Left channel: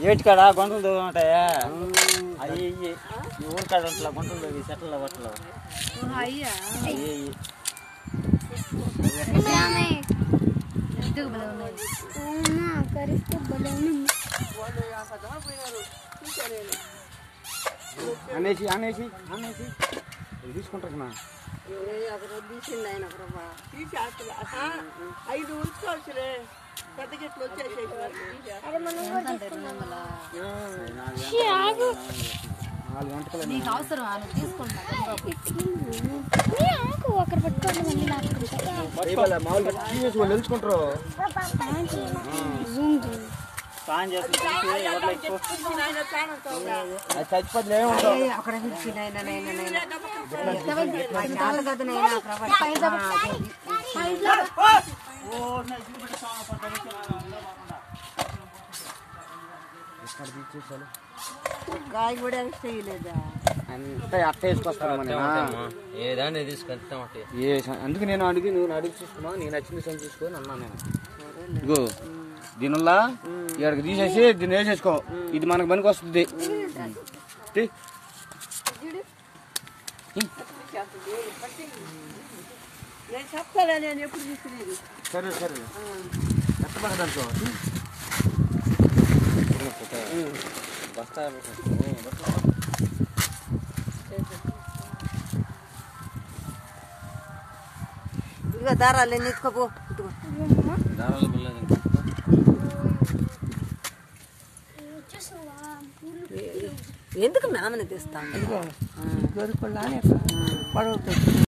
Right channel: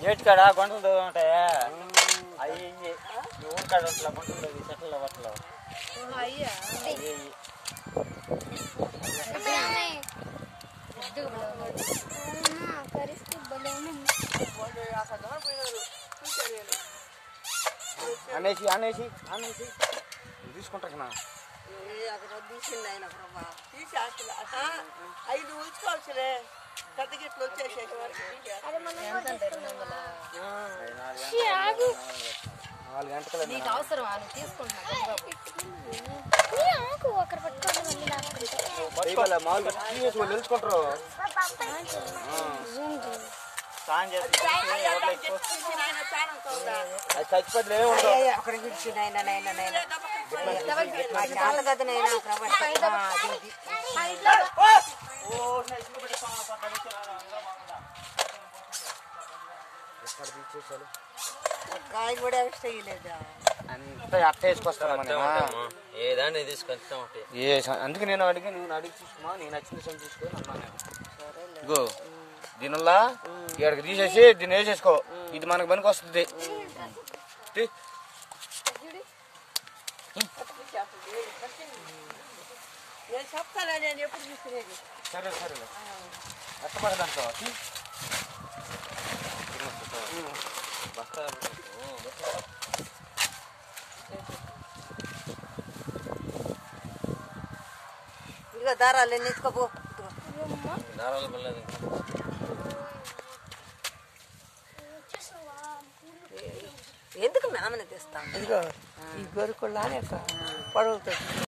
ఏటికాడ గుంటలు ఉంటాయా అయ్యి ఈ ఊరి కాడ ఉంటలా గుంటలు చెట్ల బట్టలు అనేసి అనేసి అనేసి తీసుకుంటా ఐదు ఉంచుకోవచ్చులే పెద్ద గిట్లు వచ్చేసి ఒకరు పట్టుకోవాలి తెలుసుకుంటారు చచ్చిపోతే ఏముంటాయి కాయ కూడా వేయలేదా అంతా అట్ట వేసుకొస్తారా ఏదాన్ని తీసుకొస్తా అందుకే నేను అడిగి చూసుకున్నా నేను నచ్చింది సొంత చూసుకొని అన్నా నేను ఇగో దీనివల్ల ఇక్కడికి తీసేసి దీన్ని వేసేసుకో ఇది మనకు పనికి వస్తుంది నేను చెప్తాను నేను ఎప్పుడు తీసుకునేది సరే సరే ఎత్తపడనుకో ఇదిగో దారాలు ఎన్నిసుకోపో ఎందుకు నామని తెస్తాను ఇదిగో గొరుకుళ్ళ పొడవుతుంది